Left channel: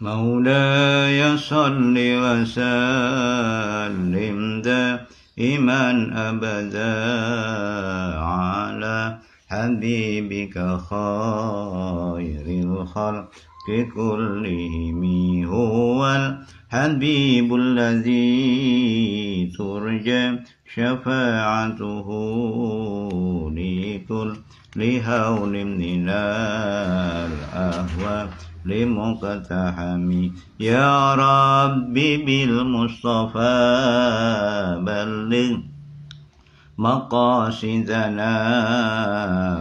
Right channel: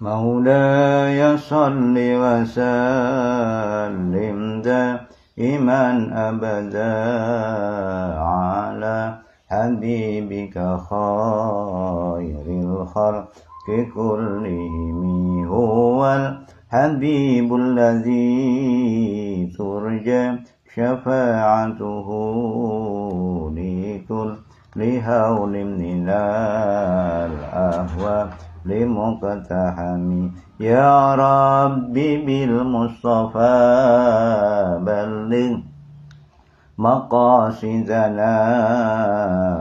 مولاي صل وسلم دائما أبدا على حبيبك خير الخلق كلهم هو الحبيب الذي ترجى شفاعته لكل هول من الأهوال لمقتحمي يا ربي بالمصطفى بلغ مقاصدنا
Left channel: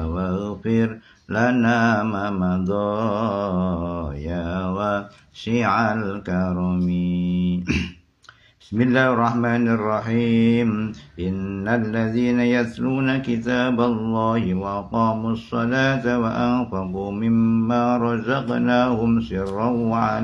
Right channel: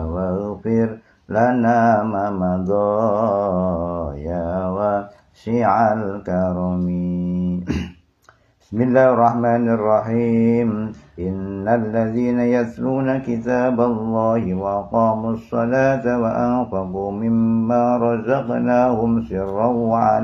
واغفر لنا ما مضى يا واسع الكرم. Bismillahirrahmanirrahim. Innalladzina yatluna kitaballahi wa aqamus salata wa anfaqu mimma razaqnahum sirran wa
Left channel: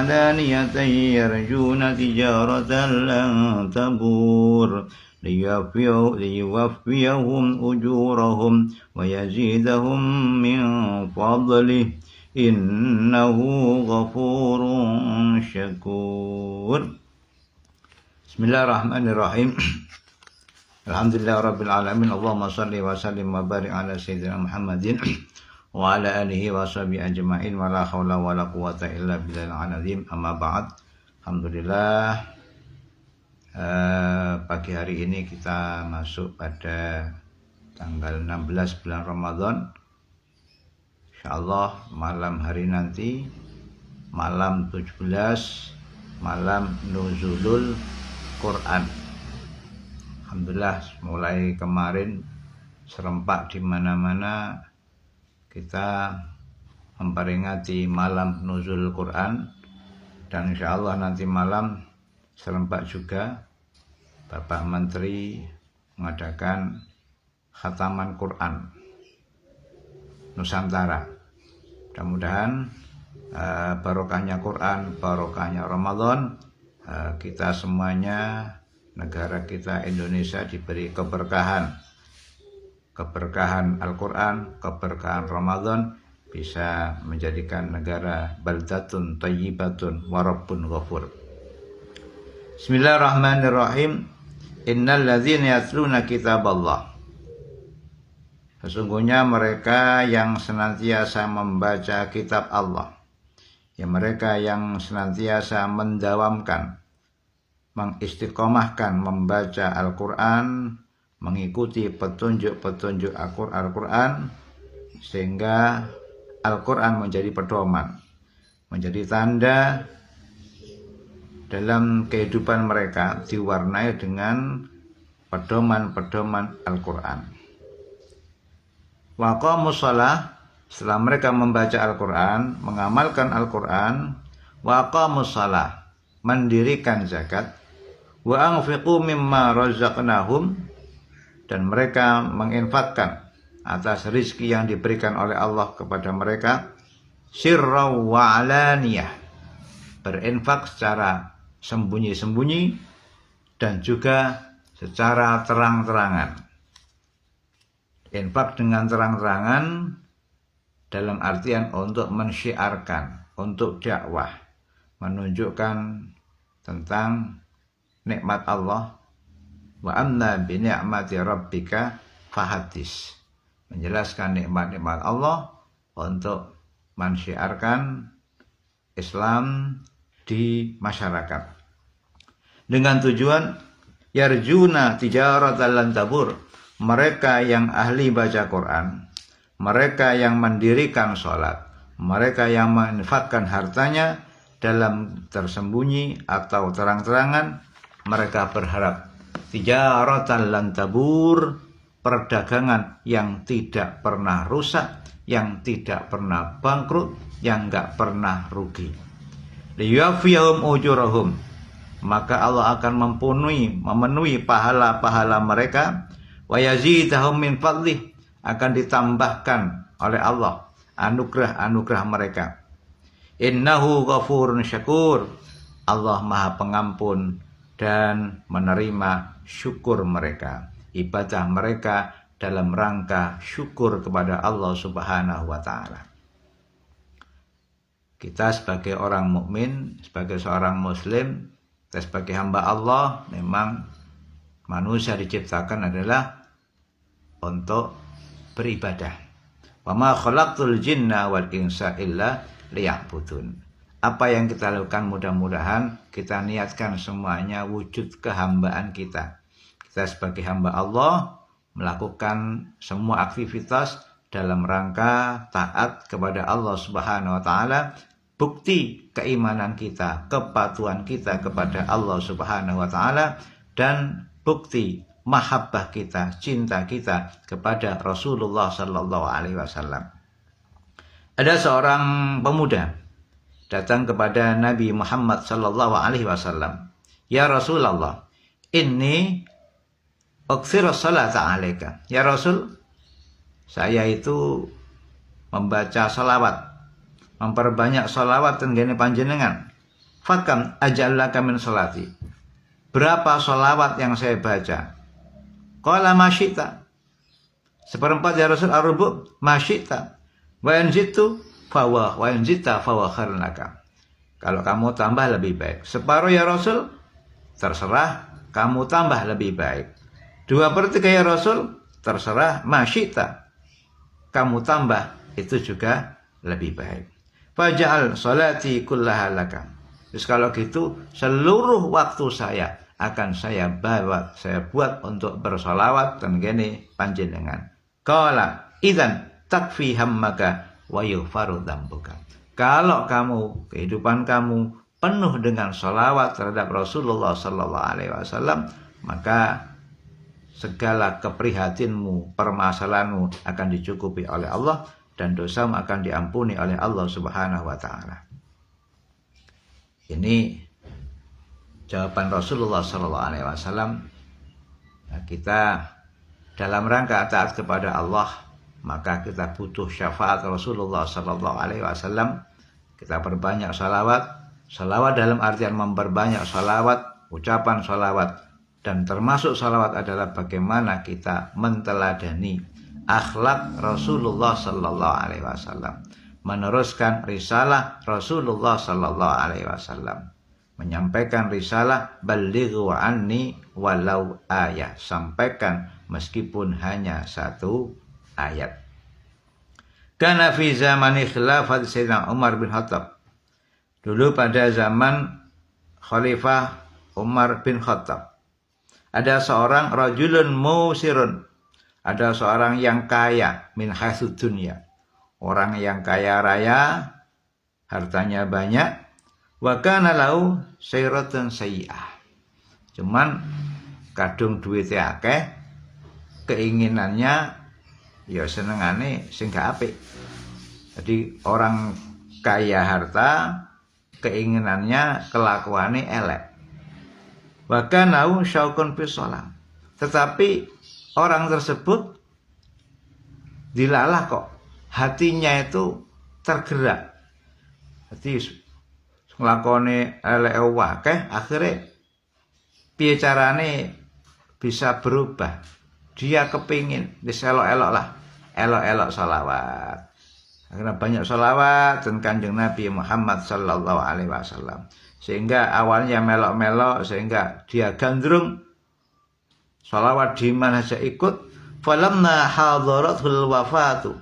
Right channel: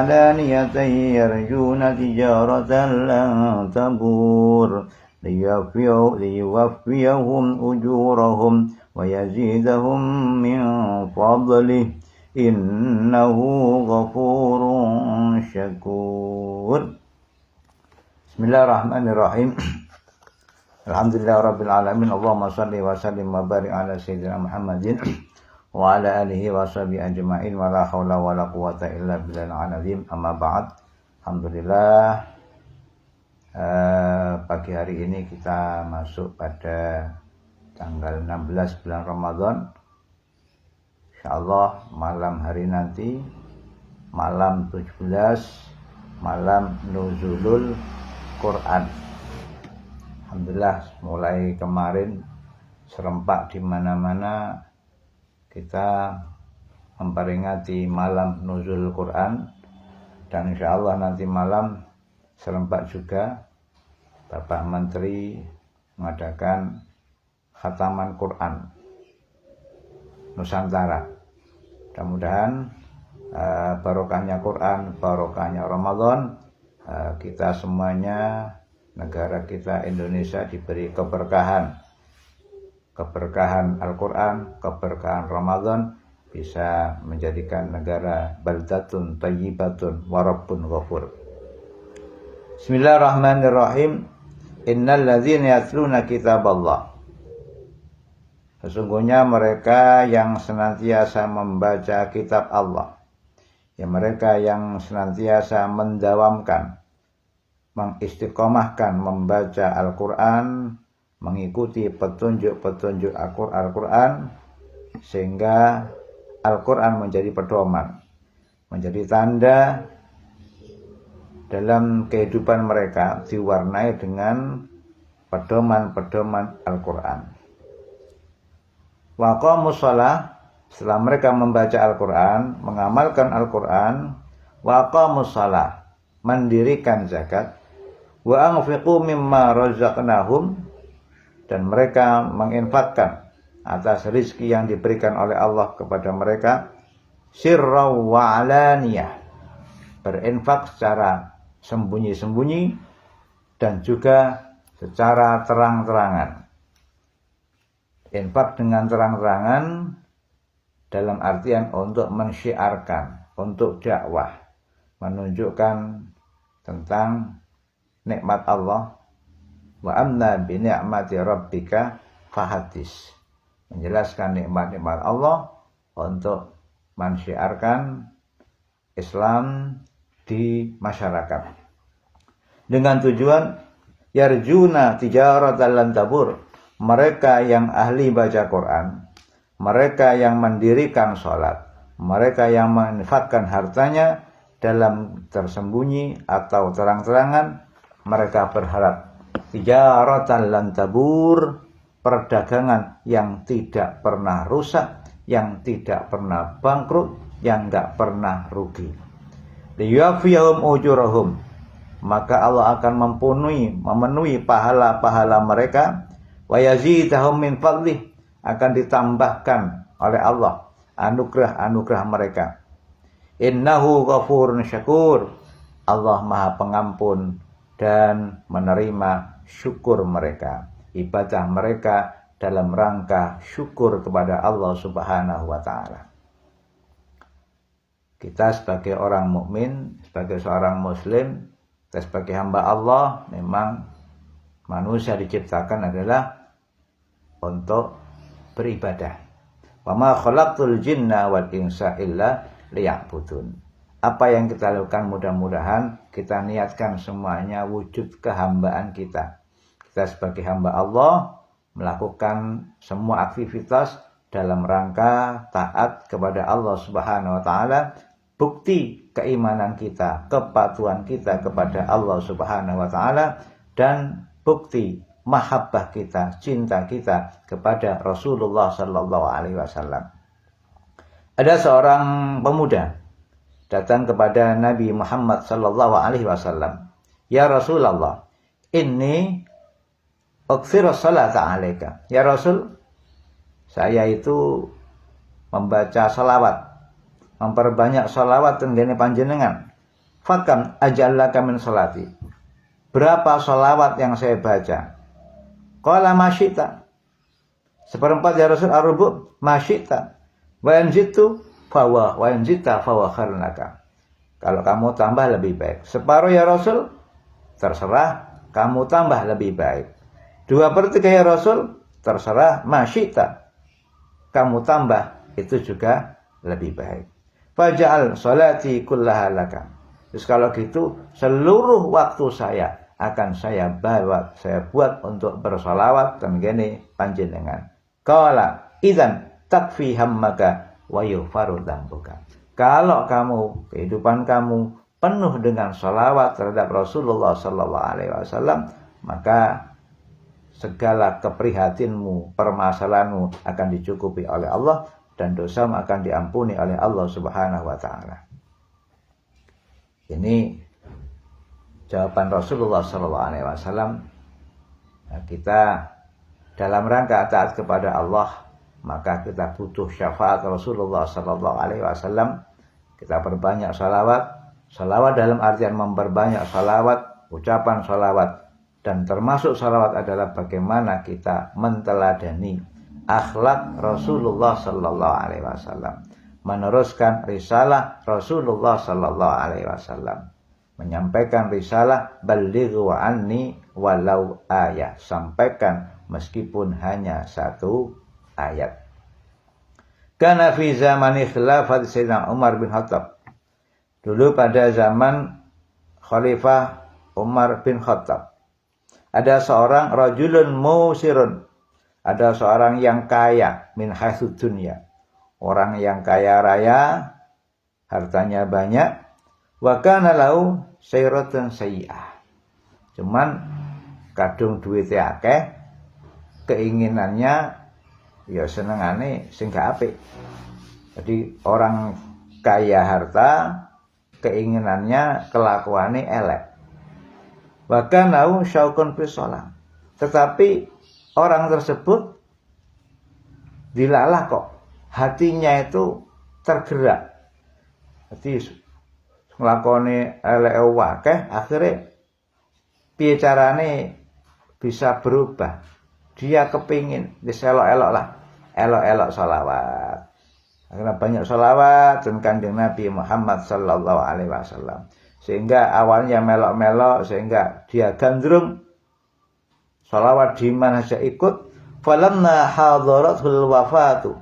alaniyatan yarjuna tijaratan lan tabur liyuwaffiyahum ujurahum wa yazidahum min fadlih innahu ghafurun syakur. Bismillahirrahmanirrahim. Alhamdulillahirabbil alamin. Allahumma shalli wa sallim wa barik ala sayyidina Muhammadin wa ala alihi wa sahbihi ajma'in wa la haula wa la quwata illa billahil azim. Amma ba'd. Alhamdulillah, pagi hari ini kita masuk pada tanggal 16 bulan Ramadan. InsyaAllah malam hari nanti, malam 17, malam nuzulul Quran. Alhamdulillah, mulai kemarin serempak di mana-mana kita memperingati malam nuzul Quran, dan insyaallah nanti malam serempak juga Bapak Menteri mengadakan khataman Quran Nusantara. Mudah-mudahan barokahnya Quran, barokahnya Ramadan, kita semuanya, negara kita Indonesia diberi keberkahan Al-Quran, keberkahan Ramadan, bisa menjadikan negara baldatun thayyibatun wa rabbun ghafur. Bismillahirrahmanirrahim. Innalladzina yatluna kitaballah. Sesungguhnya mereka yang senantiasa membaca kitab Allah, ya mereka yang senantiasa mendawamkan, mengistiqomahkan membaca Al-Quran, mengikuti petunjuk-petunjuk Al-Quran, sehingga Al-Quran menjadi pedoman, menjadi tanda dalam kehidupan mereka, diwarnai dengan pedoman-pedoman Al-Quran. Wa aqamus shalah, setelah mereka membaca Al-Quran, mengamalkan Al-Quran, wa aqamus shalah, mendirikan zakat, wa anfiqu mimma razaqnahum, dan mereka menginfakkan atas rizki yang diberikan oleh Allah kepada mereka, sirra wa alaniyah, berinfak secara sembunyi-sembunyi dan juga secara terang-terangan. Infak dengan terang-terangan dalam artian untuk mensyiarkan, untuk dakwah, menunjukkan tentang nikmat Allah. Wa amma bi ni'mati rabbika fahadis, menjelaskan nikmat-nikmat Allah untuk mensyiarkan Islam di masyarakat, dengan tujuan yarjuna tijaratan lan tabur. Mereka yang ahli baca Quran, mereka yang mendirikan sholat, mereka yang menginfakkan hartanya dalam tersembunyi atau terang-terangan, mereka berharap tijaratan lan tabur, perdagangan yang tidak pernah rusak, yang tidak pernah bangkrut, yang enggak pernah rugi. Liyuwaffiyahum ujurahum, maka Allah akan memenuhi pahala-pahala mereka. Wa yazidahum min fadlih, akan ditambahkan oleh Allah anugerah-anugerah mereka. Innahu ghafurun syakur, Allah Maha Pengampun dan menerima syukur mereka, ibadah mereka dalam rangka syukur kepada Allah Subhanahu wa taala. Kita sebagai orang mukmin, sebagai seorang muslim, kita sebagai hamba Allah, memang manusia diciptakan adalah untuk beribadah. Wa ma khalaqtul jinna wal insa illa liya'budun. Apa yang kita lakukan mudah-mudahan kita niatkan semuanya wujud kehambaan kita. Kita sebagai hamba Allah melakukan semua aktivitas dalam rangka taat kepada Allah Subhanahu wa taala. Bukti keimanan kita, kepatuhan kita kepada Allah Subhanahu wa taala, dan bukti mahabbah kita, cinta kita kepada Rasulullah sallallahu alaihi wasallam. Ada seorang pemuda datang kepada Nabi Muhammad sallallahu alaihi wasallam. Ya Rasulullah, inni uksiru salata alaika. Ya Rasul, saya itu membaca salawat, memperbanyak salawat tenggene panjenengan. Fakam ajallaka min salati. Berapa salawat yang saya baca? Qala masyita. Seperempat ya Rasul, ar-rubu masyita. Wa in jitu fawa wa in jita fawa khairun laka. Kalau kamu tambah lebih baik. Separuh ya Rasul, terserah, kamu tambah lebih baik. 2/3 ya Rasul, terserah, masyita, kamu tambah, itu juga lebih baik. Faja'al salati kullaha laka. Terus kalau gitu, seluruh waktu saya akan saya buat untuk bersolawat dan gini panjenengan. Qala idzan takfi hammaka wa yughfaru dzambuka. Kalau kamu, kehidupan kamu penuh dengan solawat terhadap Rasulullah sallallahu alaihi wasallam, maka segala keprihatinmu, permasalahanmu akan dicukupi oleh Allah, dan dosamu akan diampuni oleh Allah Subhanahu wa taala. Ini jawaban Rasulullah sallallahu alaihi wasallam. Nah, kita dalam rangka taat kepada Allah, maka kita butuh syafaat Rasulullah sallallahu alaihi wasallam. Kita perbanyak salawat. Salawat dalam artian memperbanyak salawat, ucapan salawat. Dan termasuk salawat adalah bagaimana kita menteladani akhlak Rasulullah sallallahu alaihi wasallam, meneruskan risalah Rasulullah sallallahu alaihi wasallam, menyampaikan risalah balighu anni walau ayat, sampaikan meskipun hanya satu ayat. Kana fi zamani khilafat Sayyidina Umar bin Khattab. Dulu pada zaman Khalifah Umar bin Khattab, ada seorang rajulun musirun, ada seorang yang kaya min hatsud dunya, orang yang kaya raya, hartanya banyak. Wa kana lahu sayratun sayyi'ah. Cuman kadung duitnya akeh, keinginannya ya senengane sing gak apik. Jadi orang kaya harta, keinginannya, kelakuannya elek. Bahkan nau syaukun fi shalah. Tetapi orang tersebut dilalah kok hatinya itu tergerak. Jadi nglakoni elek akeh, akhirnya piye carane bisa berubah. Dia kepingin diselok-elok lah, elok-elok salawat. Karena banyak salawat dan kanjeng Nabi Muhammad sallallahu alaihi wasallam. Sehingga awalnya melok-melok, sehingga dia gandrung salawat di mana saja ikut. Falamma hadaratul wafatu.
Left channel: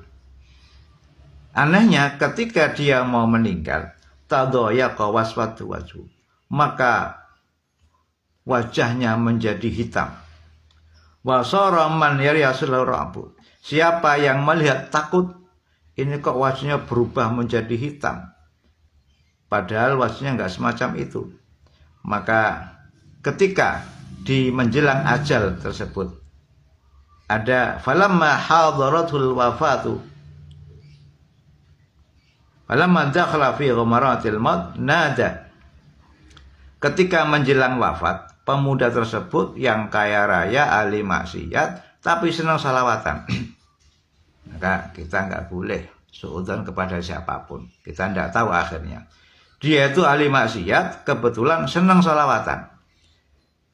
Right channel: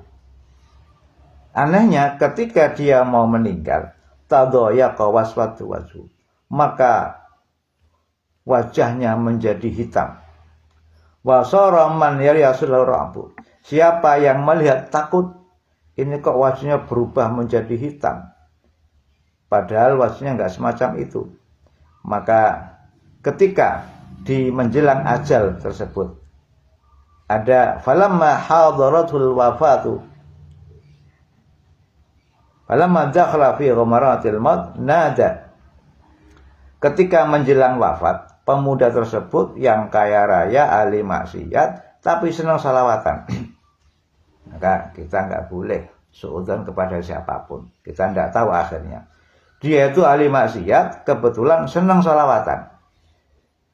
Anehnya ketika dia mau meninggal, tadayyaqa waswatu wajhu, maka wajahnya menjadi hitam. Wa sara man yarisul rabu. Siapa yang melihat takut, ini kok wajahnya berubah menjadi hitam. Padahal wajahnya enggak semacam itu. Maka ketika di menjelang ajal tersebut, ada falamma hadaratul wafatu, falamma dakhala fi ghamaratil maut nada. Ketika menjelang wafat, pemuda tersebut yang kaya raya, ahli maksiat, tapi senang salawatan. Maka kita enggak boleh suudzon kepada siapapun. Kita enggak tahu akhirnya. Dia itu ahli maksiat, kebetulan senang salawatan.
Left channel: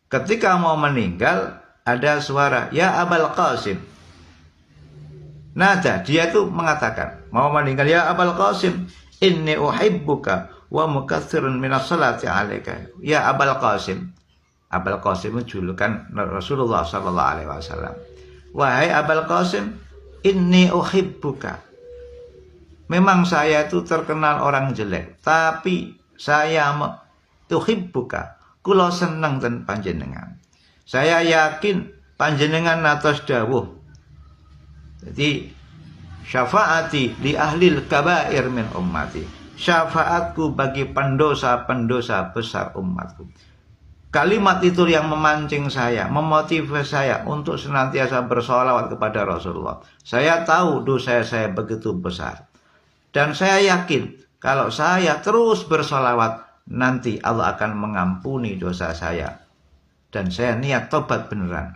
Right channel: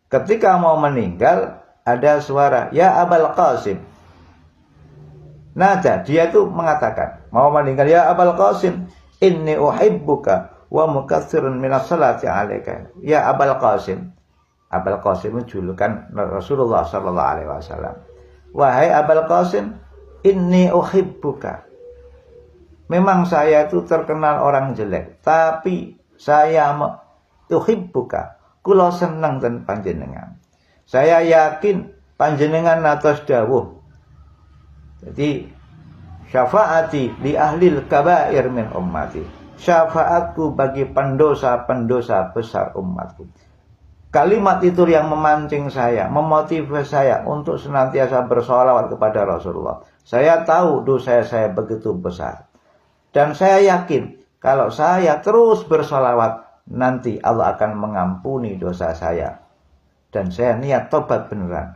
Ketika mau meninggal, ada suara, ya Abul Qasim. Nada, dia itu mengatakan, mau meninggal, ya Abul Qasim, inni uhibbuka wa mukatsirun minas salati 'alaika ya Abul Qasim. Abul Qasim itu julukan Rasulullah sallallahu alaihi wasallam. Wahai Abul Qasim, inni uhibbuka. Memang saya itu terkenal orang jelek, tapi saya uhibbuka. Kula seneng ten panjenengan. Saya yakin panjenengan atas dawuh. Jadi syafaati li ahlil kabair min ummati. Syafaatku bagi pendosa-pendosa besar umatku. Kalimat itu yang memancing saya, memotivasi saya untuk senantiasa bersolawat kepada Rasulullah. Saya tahu dosa saya begitu besar. Dan saya yakin kalau saya terus bersolawat, nanti Allah akan mengampuni dosa saya. Dan saya niat tobat beneran.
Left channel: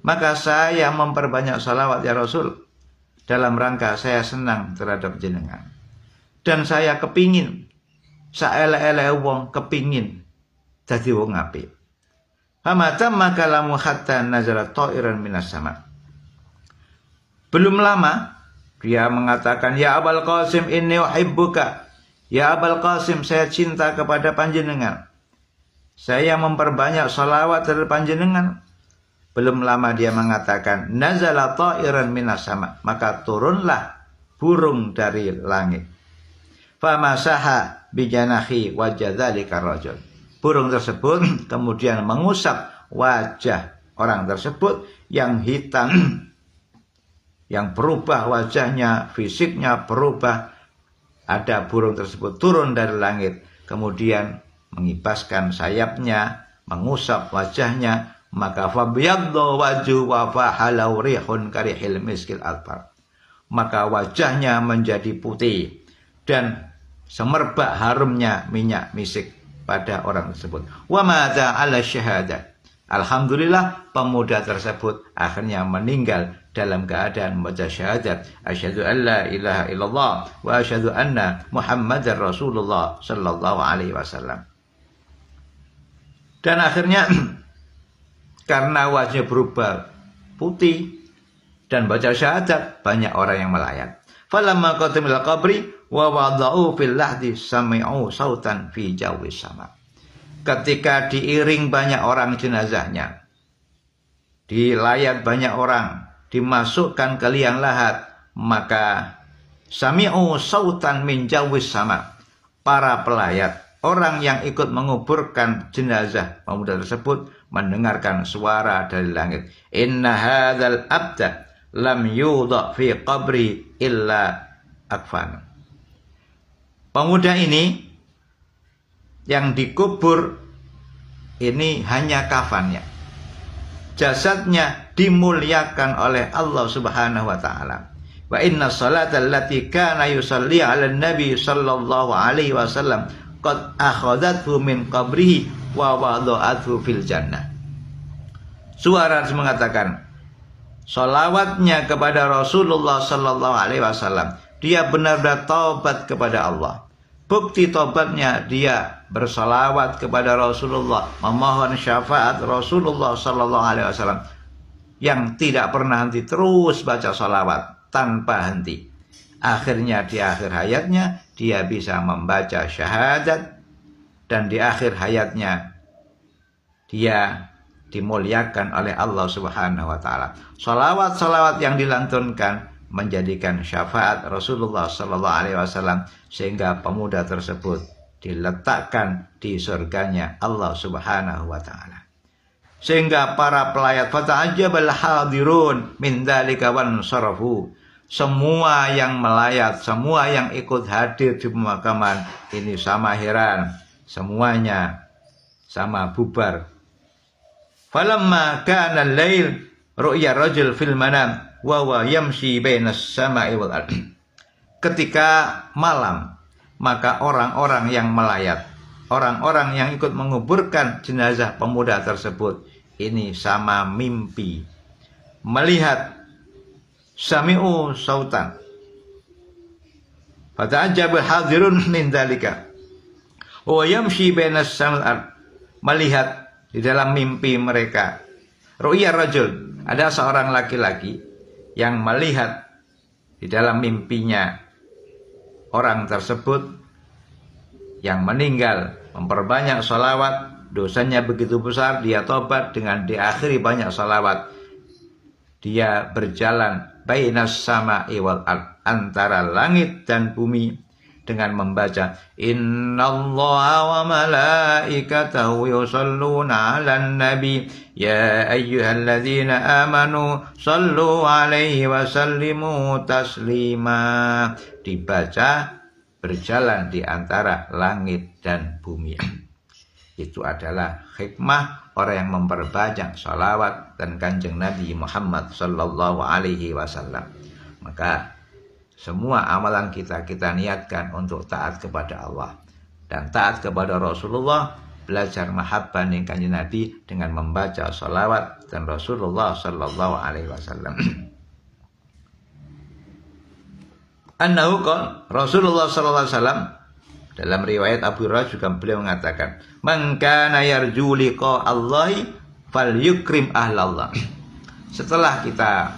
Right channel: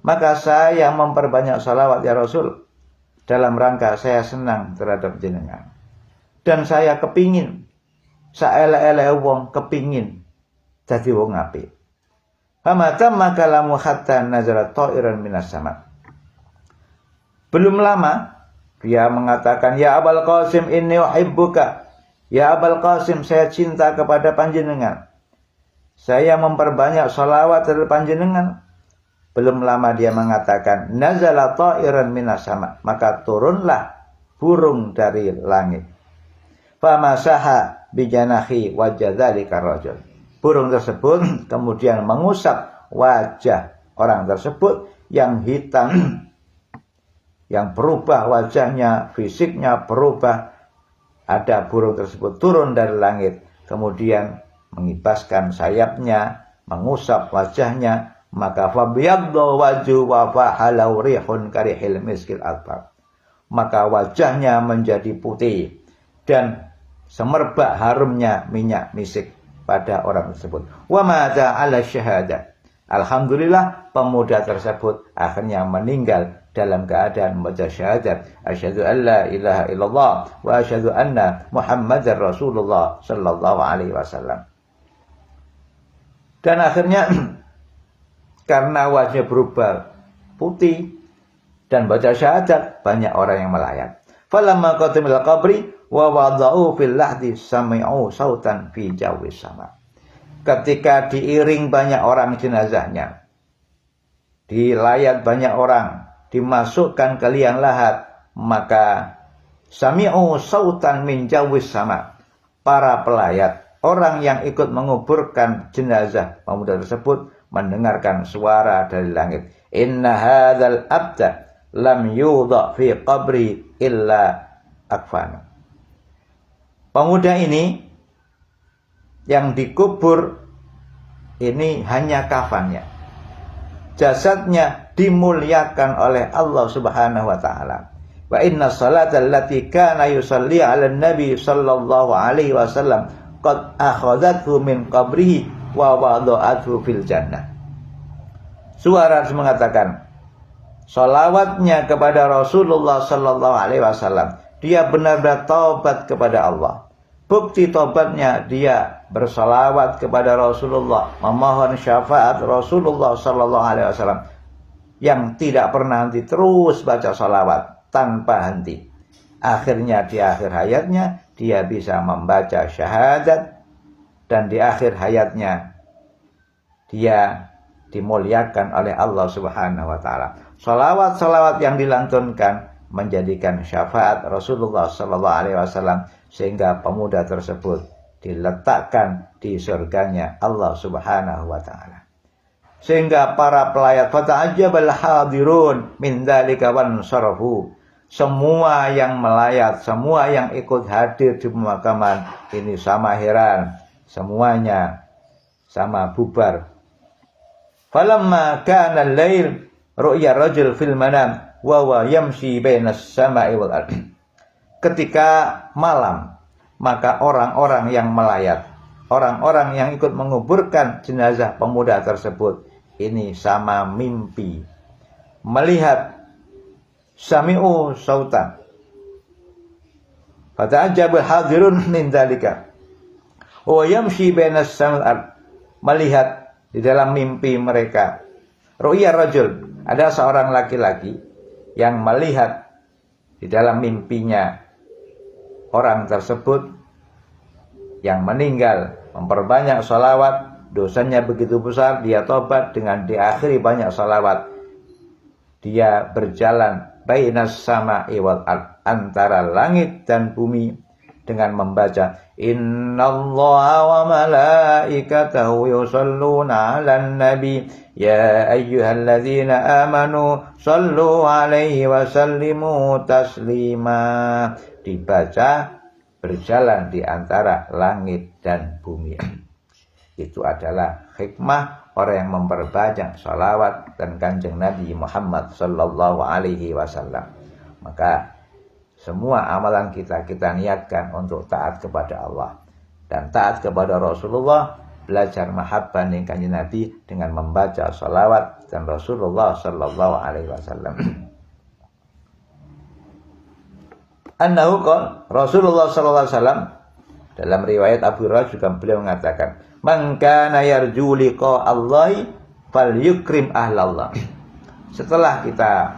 Maka saya memperbanyak salawat ya Rasul. Dalam rangka saya senang terhadap jenengan. Dan saya kepingin, saele-ele wong kepingin jadi wong apik. Famatamma kalamu hatta nazala ta'iran minas sama. Belum lama dia mengatakan, ya Abul Qasim inni uhibbuka. Ya Abul Qasim, saya cinta kepada panjenengan. Saya memperbanyak salawat terhadap panjenengan. Belum lama dia mengatakan, nazala ta'iran minas sama. Maka turunlah burung dari langit. Famasaha bijanahi wajah dzalika rajul. Burung tersebut kemudian mengusap wajah orang tersebut yang hitam, yang berubah wajahnya, fisiknya berubah. Ada burung tersebut turun dari langit, kemudian mengibaskan sayapnya, mengusap wajahnya, maka fabyaddu wajhu wa fahalau rihun karihil miskil albar. Maka wajahnya menjadi putih dan semerbak harumnya minyak misik pada orang tersebut. Wa madza 'ala syahadah. Alhamdulillah pemuda tersebut akhirnya meninggal dalam keadaan membaca syahadat asyhadu an la ilaha illallah wa asyhadu anna Muhammadar Rasulullah sallallahu alaihi wasallam. Dan akhirnya karena wajahnya berubah putih dan baca syahadat, banyak orang yang melayat. Falamma qatimil qabri wa wada'u fil lahdi sami'u sautan fi jawi sama. Ketika diiring banyak orang jenazahnya, dilayat banyak orang, dimasukkan ke liang lahat, maka sami'u sautan min jawi sama. Para pelayat, orang yang ikut menguburkan jenazah pemuda tersebut mendengarkan suara dari langit. Inna hadzal abda lam yudha fi qabri illa akfan. Pemuda ini yang dikubur ini hanya kafannya. Jasadnya dimuliakan oleh Allah Subhanahu wa taala. Wa inna salata allati kana yusalli 'ala nabi sallallahu alaihi wasallam qad akhadathu min qabrihi wa wada'athu fil jannah. Suara mengatakan, salawatnya kepada Rasulullah sallallahu alaihi wasallam, dia benar-benar taubat kepada Allah. Bukti taubatnya dia bersalawat kepada Rasulullah, memohon syafaat Rasulullah sallallahu alaihi wasallam yang tidak pernah henti, terus baca salawat tanpa henti. Akhirnya di akhir hayatnya dia bisa membaca syahadat, dan di akhir hayatnya dia dimuliakan oleh Allah Subhanahu wa taala. Salawat-salawat yang dilantunkan menjadikan syafaat Rasulullah sallallahu alaihi wasallam sehingga pemuda tersebut diletakkan di surganya Allah Subhanahu wa taala. Sehingga para pelayat fata'ajjabal hadirun min dzalika wan sarafu. Semua yang melayat, semua yang ikut hadir di pemakaman ini sama heran, semuanya sama bubar. Falamma kana al-lail ru'ya rajul fil manam wa huwa yamshi bainas sama'i wal ardh. Ketika malam, maka orang-orang yang melayat, orang-orang yang ikut menguburkan jenazah pemuda tersebut ini sama mimpi melihat sami'u sautan. Fata'ajjabal hadirun min dzalika wa yamshi bainas sama'i wal ardh. Melihat di dalam mimpi mereka, ru'ya rajul, ada seorang laki-laki yang melihat di dalam mimpinya orang tersebut yang meninggal memperbanyak sholawat, dosanya begitu besar, dia tobat dengan diakhiri banyak sholawat. Dia berjalan bainas sama'i wal ard, antara langit dan bumi, dengan membaca innallaha wa malaikatahu yusholluna 'alan nabi ya ayyuhalladzina amanu shallu 'alaihi wa sallimu taslima. Dibaca berjalan di antara langit dan bumi. Itu adalah hikmah orang yang memperbanyak sholawat dan kanjeng Nabi Muhammad sallallahu alaihi wasallam. Maka semua amalan kita niatkan untuk taat kepada Allah dan taat kepada Rasulullah, belajar mahabbah ning kanjeng Nabi dengan membaca sholawat dan Rasulullah sallallahu alaihi wasallam. Annahu qala, Rasulullah sallallahu alaihi wasallam dalam riwayat Abu Hurairah juga beliau mengatakan, "Man kana yarju liqa Allahi falyukrim ahlallah." Setelah kita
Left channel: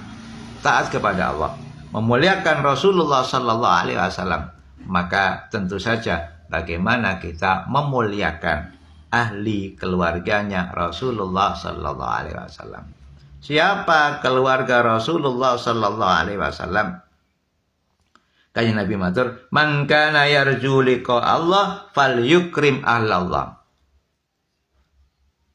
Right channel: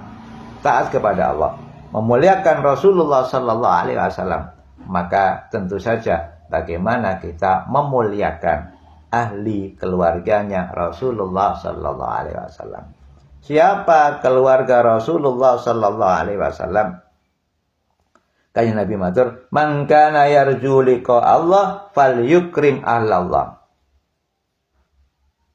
taat kepada Allah, memuliakan Rasulullah sallallahu alaihi wasallam, maka tentu saja bagaimana kita memuliakan ahli keluarganya Rasulullah sallallahu alaihi wasallam. Siapa keluarga Rasulullah sallallahu alaihi wasallam? Kanjeng Nabi matur, "Man kana yarju liqa Allah falyukrim ahlallah."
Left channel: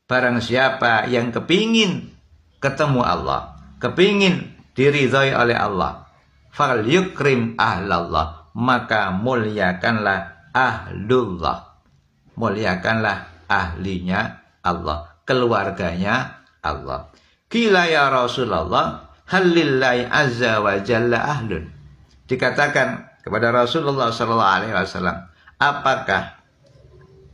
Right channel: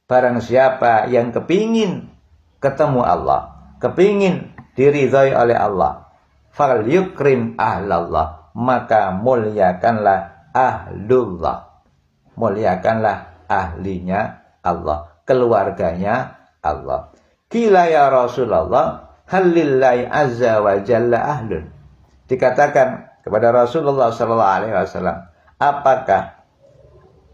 Barang siapa yang kepingin ketemu Allah, kepingin diridhai oleh Allah, falyukrim ahlallah, maka muliakanlah ahlullah. Muliakanlah ahlinya Allah, keluarganya Allah. Qila ya Rasulullah, halillahi azza wa jalla ahlun. Dikatakan kepada Rasulullah sallallahu alaihi wasallam, apakah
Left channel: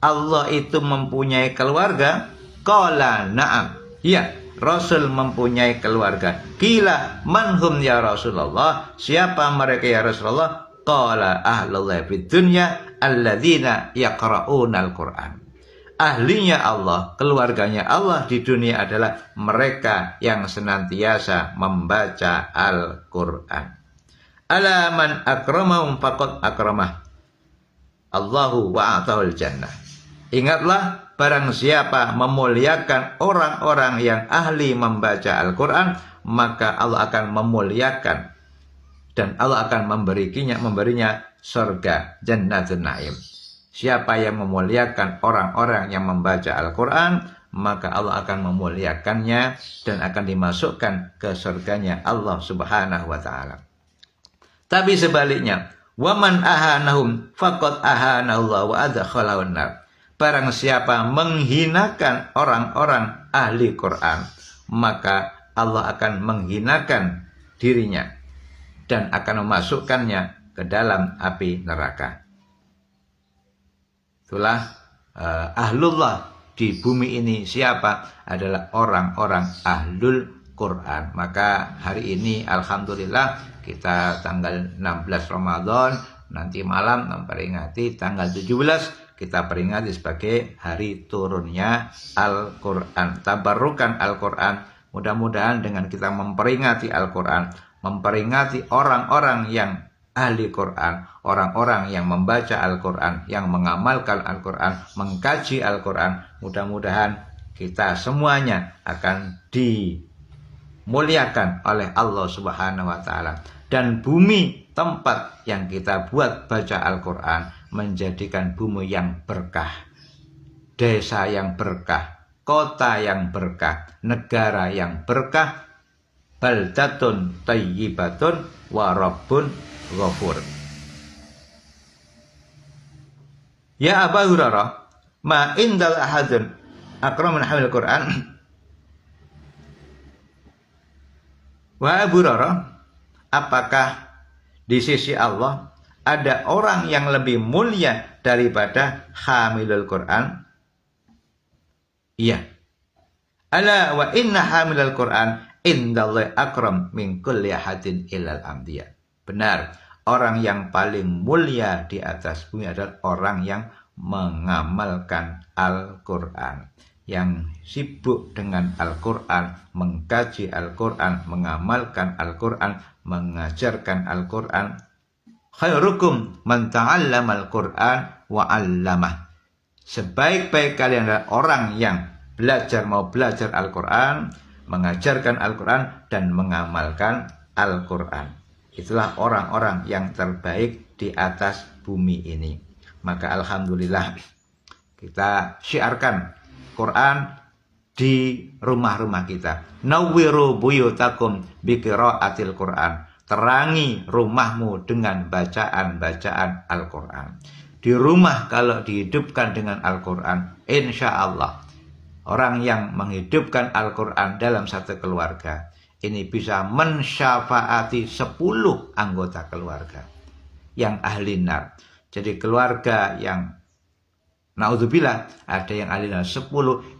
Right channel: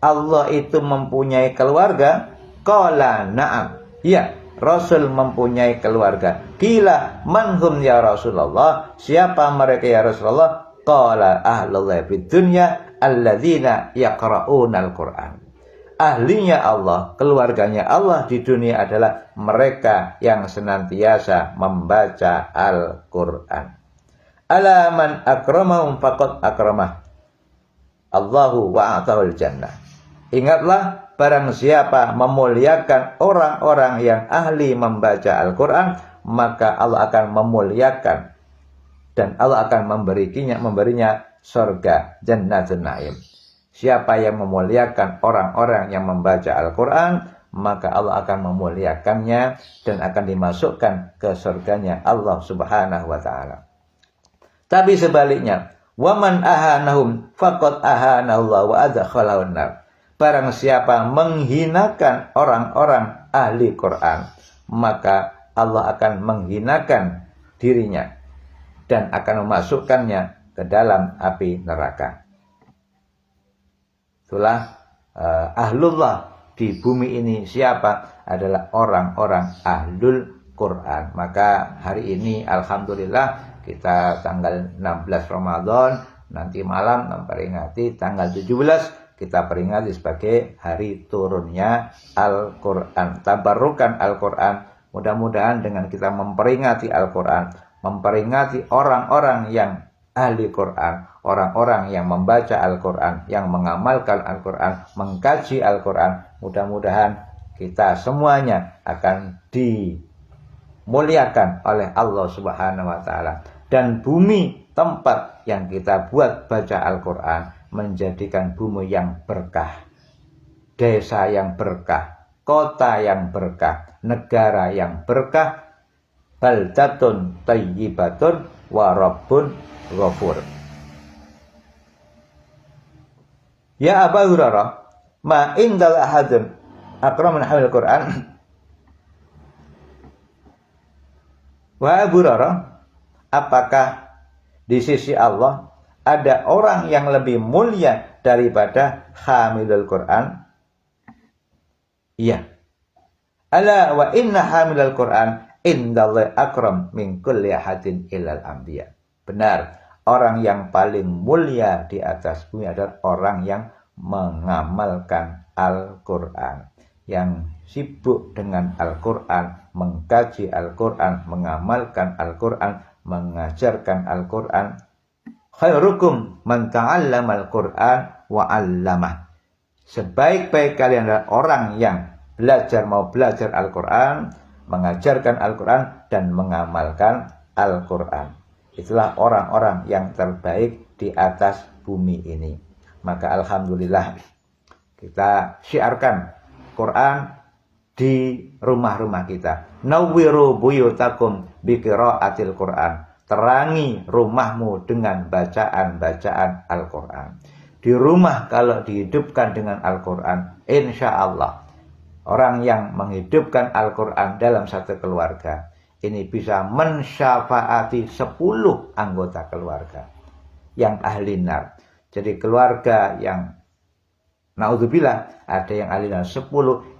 Allah itu mempunyai keluarga? Qala na'am. Ya, Rasul mempunyai keluarga. Qila manhum ya Rasulullah? Siapa mereka ya Rasulullah? Qala ahlullah fid dunya alladzina yaqra'una al-Qur'an. Ahlinya Allah, keluarganya Allah di dunia adalah mereka yang senantiasa membaca Al-Qur'an. Ala man akramahum faqad akramah Allahu wa atahul jannah. Ingatlah, barang siapa memuliakan orang-orang yang ahli membaca Al-Quran, maka Allah akan memuliakan dan Allah akan memberinya surga, jannatun na'im. Siapa yang memuliakan orang-orang yang membaca Al-Quran, maka Allah akan memuliakannya dan akan dimasukkan ke surganya Allah subhanahu wa ta'ala. Tapi sebaliknya, waman ahanahum faqad ahanallahu wa adkhalahu an-nar. Barang siapa menghinakan orang-orang ahli Quran, maka Allah akan menghinakan dirinya dan akan memasukkannya ke dalam api neraka. Itulah ahlullah di bumi ini siapa? Adalah orang-orang ahlul Quran. Maka hari ini alhamdulillah kita tanggal 16 Ramadan, nanti malam memperingati tanggal 17, kita peringati sebagai hari turunnya Al-Quran. Tabarrukan Al-Quran. Mudah-mudahan dengan kita memperingati Al-Quran, memperingati orang-orang yang ahli Quran, orang-orang yang membaca Al-Quran, yang mengamalkan Al-Quran, mengkaji Al-Quran, mudah-mudahan kita semuanya akan dimuliakan oleh Allah Subhanahu wa ta'ala. Dan bumi tempat yang kita buat baca Al-Quran menjadikan bumi yang berkah, desa yang berkah, kota yang berkah, negara yang berkah, baldatun thayyibatun wa rabbun ghafur. Ya Abu Hurairah, ma indal ahadun akramun hamil Quran. Wa Abu Hurairah, apakah di sisi Allah ada orang yang lebih mulia daripada hamilul Quran? Iya. Ala wa inna hamilul Quran indallahi akram min kulli ahadin illal anbiya. Benar, orang yang paling mulia di atas bumi adalah orang yang mengamalkan Al-Quran, yang sibuk dengan Al-Quran, mengkaji Al-Quran, mengamalkan Al-Quran, mengajarkan Al-Quran. khairukum man ta'allamal Qur'an wa 'allamah. Sebaik-baik kalian adalah orang yang mau belajar Al-Qur'an, mengajarkan Al-Qur'an dan mengamalkan Al-Qur'an. Itulah orang-orang yang terbaik di atas bumi ini. Maka alhamdulillah kita syiarkan Quran di rumah-rumah kita. Nawwiru buyutakum bi qiraatil Quran. Terangi rumahmu dengan bacaan-bacaan Al-Quran. Di rumah kalau dihidupkan dengan Al-Quran, insya Allah orang yang menghidupkan Al-Quran dalam satu keluarga ini bisa mensyafaati 10 anggota keluarga yang ahli nar. Jadi keluarga yang naudzubillah ada yang ahli nar 10,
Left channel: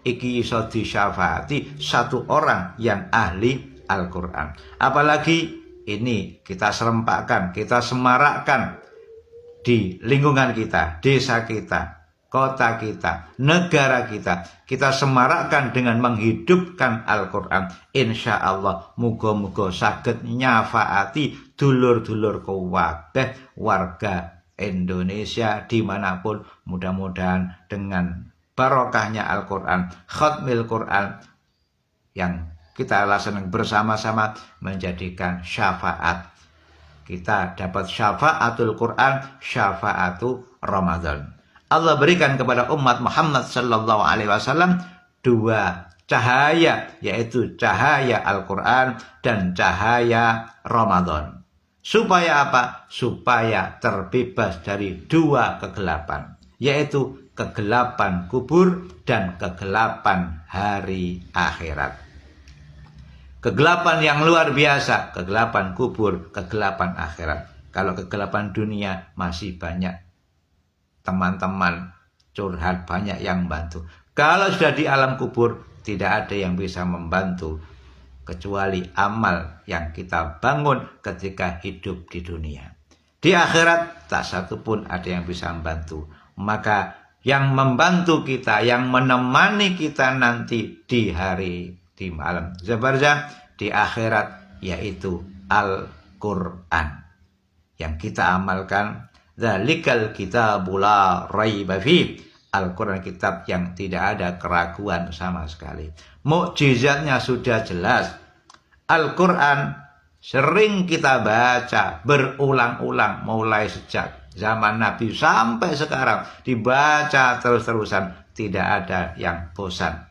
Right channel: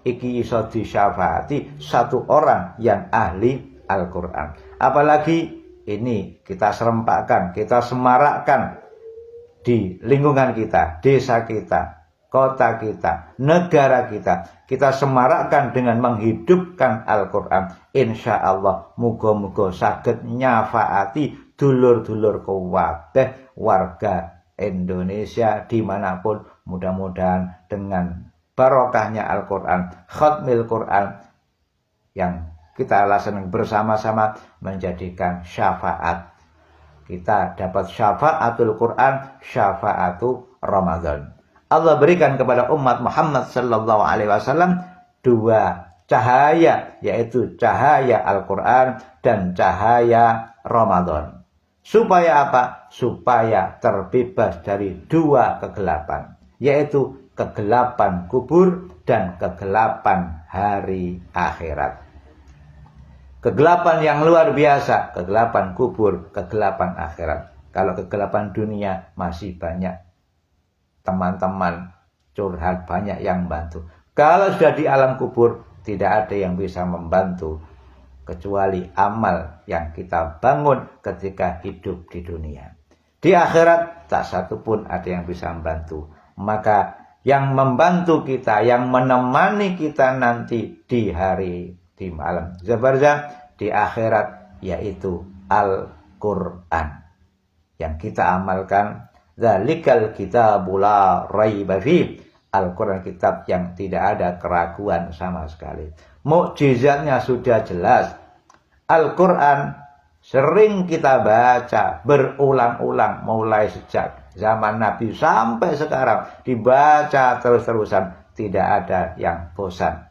iki iso disyafaati 1 orang yang ahli Al-Quran. Apalagi ini kita serempakkan, kita semarakkan di lingkungan kita, desa kita, kota kita, negara kita. Kita semarakkan dengan menghidupkan Al-Quran. Insya Allah muga-muga saged nyafaati dulur-dulur kabeh warga Indonesia dimanapun. Mudah-mudahan dengan barokahnya Al-Quran, khatmil Quran yang kita laksanakan bersama-sama menjadikan syafaat. Kita dapat syafaatul Quran, syafaatu Ramadan. Allah berikan kepada umat Muhammad sallallahu alaihi wasallam 2 cahaya, yaitu cahaya Al-Quran dan cahaya Ramadan. Supaya apa? Supaya terbebas dari 2 kegelapan, yaitu kegelapan kubur dan kegelapan hari akhirat. Kegelapan yang luar biasa, kegelapan kubur, kegelapan akhirat. Kalau kegelapan dunia masih banyak teman-teman curhat, banyak yang bantu. Kalau sudah di alam kubur, tidak ada yang bisa membantu kecuali amal yang kita bangun ketika hidup di dunia. Di akhirat tak satu pun ada yang bisa membantu. Maka yang membantu kita, yang menemani kita nanti di malam barzakh, di akhirat, yaitu Al-Quran yang kita amalkan. Dzalikal kitabul la raiba fi. Al-Quran kitab yang tidak ada keraguan sama sekali. Mukjizatnya sudah jelas. Al-Quran sering kita baca berulang-ulang mulai sejak zaman Nabi sampai sekarang, dibaca terus-terusan, tidak ada yang bosan.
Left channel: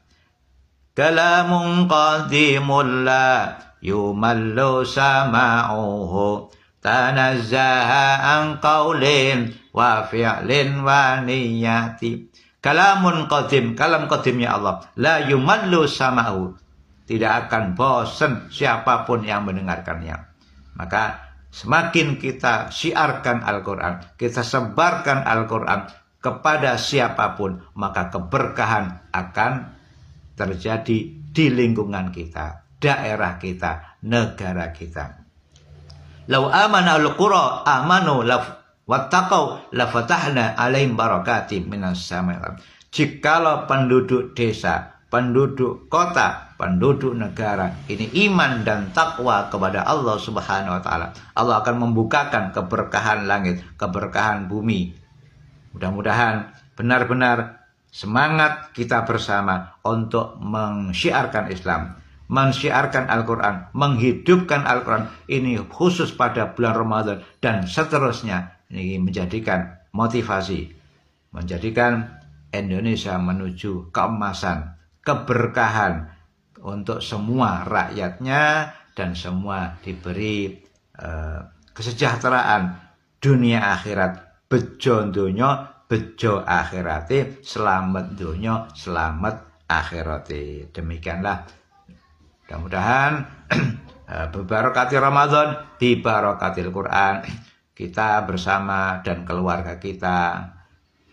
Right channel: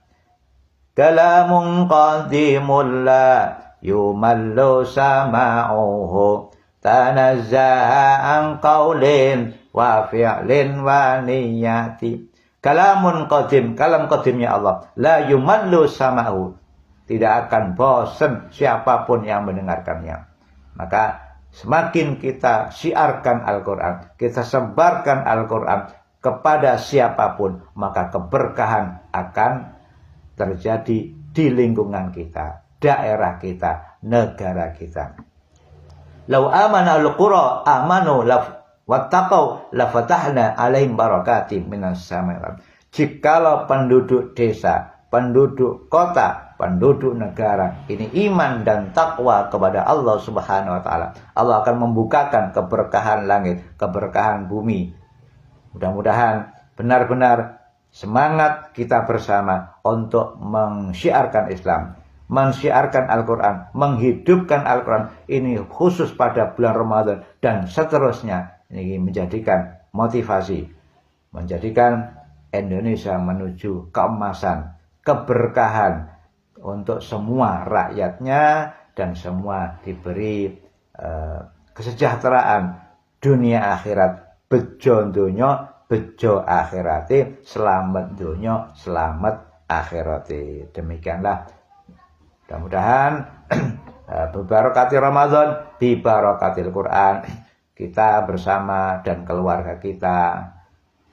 Kalamun qadimul la yumallu sama'uhu tanazzaha an qaulin wa fi'lin wa niyati. Kalamun qadim, kalam qadimnya Allah, la yumallu sama'u, tidak akan bosan siapapun yang mendengarkannya. Maka semakin kita syiarkan Al-Quran, kita sebarkan Al-Quran kepada siapapun, maka keberkahan akan terjadi di lingkungan kita, daerah kita, negara kita. Lau amana al-qura amanu wattaqau lafatahna alaihim barakatim minas samai. Jikalau penduduk desa, penduduk kota, penduduk negara ini iman dan takwa kepada Allah Subhanahu wa taala, Allah akan membukakan keberkahan langit, keberkahan bumi. Mudah-mudahan benar-benar semangat kita bersama untuk mensyiarkan Islam, mensyiarkan Al-Quran, menghidupkan Al-Quran ini khusus pada bulan Ramadan dan seterusnya. Ini menjadikan motivasi, menjadikan Indonesia menuju keemasan, keberkahan untuk semua rakyatnya dan semua diberi kesejahteraan dunia akhirat, bejo donya, bejo akhirate, selamat donya, selamat akhirate. Demikianlah. Mudah-mudahan bebarakati Ramadan, bibarakatil Quran, kita bersama dan keluarga kita,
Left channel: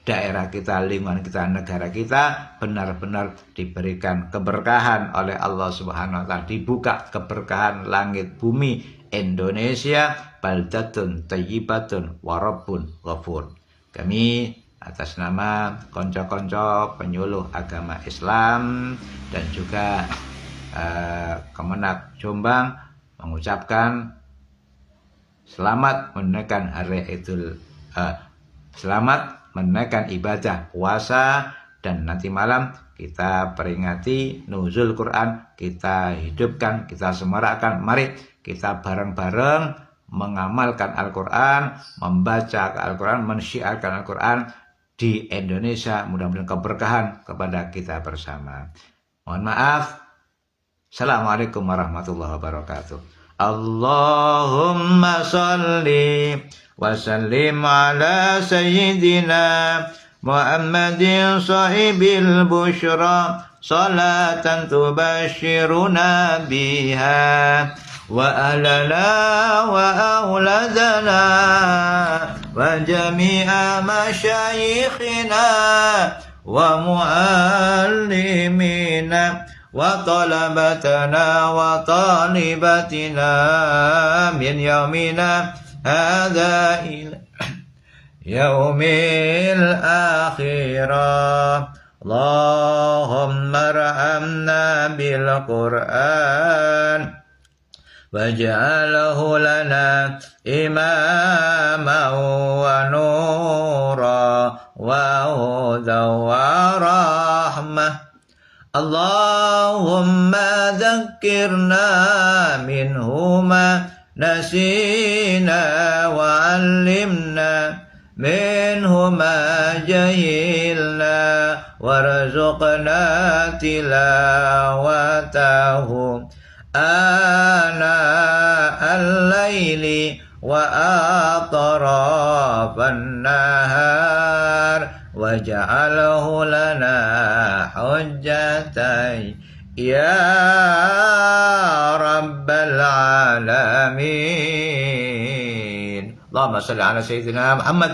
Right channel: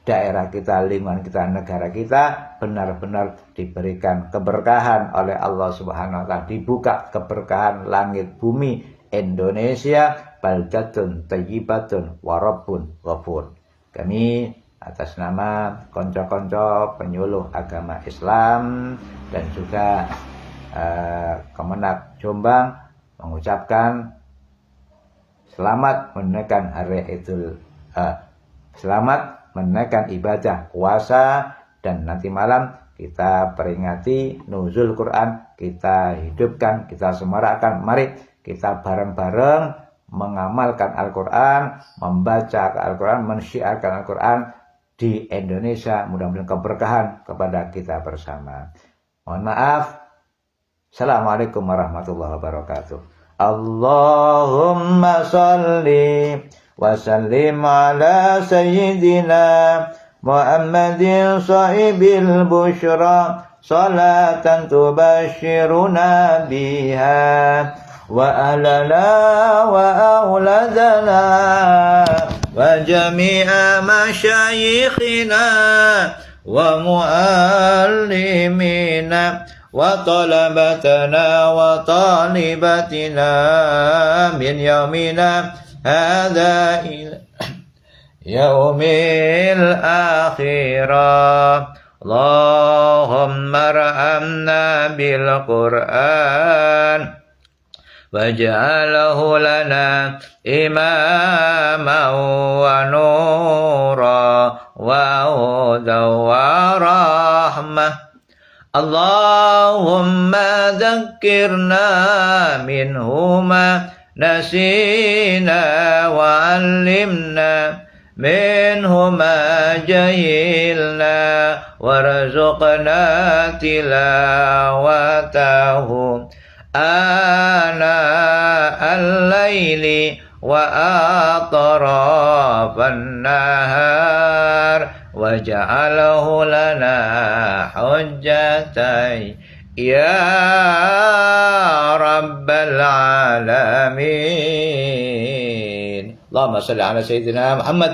daerah kita, lingkungan kita, negara kita benar-benar diberikan keberkahan oleh Allah Subhanahu wa taala, dibuka keberkahan langit bumi Indonesia, baldatun thayyibatun wa rabbun ghafur. Kami atas nama konco-konco penyuluh agama Islam dan juga Kemenak Jombang mengucapkan selamat menunaikan selamat menunaikan ibadah puasa, dan nanti malam kita peringati nuzul Quran, kita hidupkan, kita semarakkan. Mari kita bareng-bareng mengamalkan Al-Quran, membaca Al-Quran, mensyiarkan Al-Quran di Indonesia. Mudah-mudahan keberkahan kepada kita bersama. Mohon maaf. Assalamualaikum warahmatullahi wabarakatuh. Allahumma salli wa sallim ala sayyidina Muhammadin sahibil bushra, salatan tubashiruna biha wa alana wa auladana wa jami'a masyayikhina wa muallimina wa talabatana wa talibatina min yaumina hadha ila yaumil akhirah. Allahumma ra'amna bil Qur'an waj'alhu lana imaman wa nura wa hudan wa rahmah. Allahumma dhakkirna minhuma nasina wa 'allimna minhuma jahilna warzuqna tilawatahu ana al-laili wa atrafan nahar waj'alhu lana hujjatan ya rabbal alamin. Allahumma salli ala sayyidina Muhammad.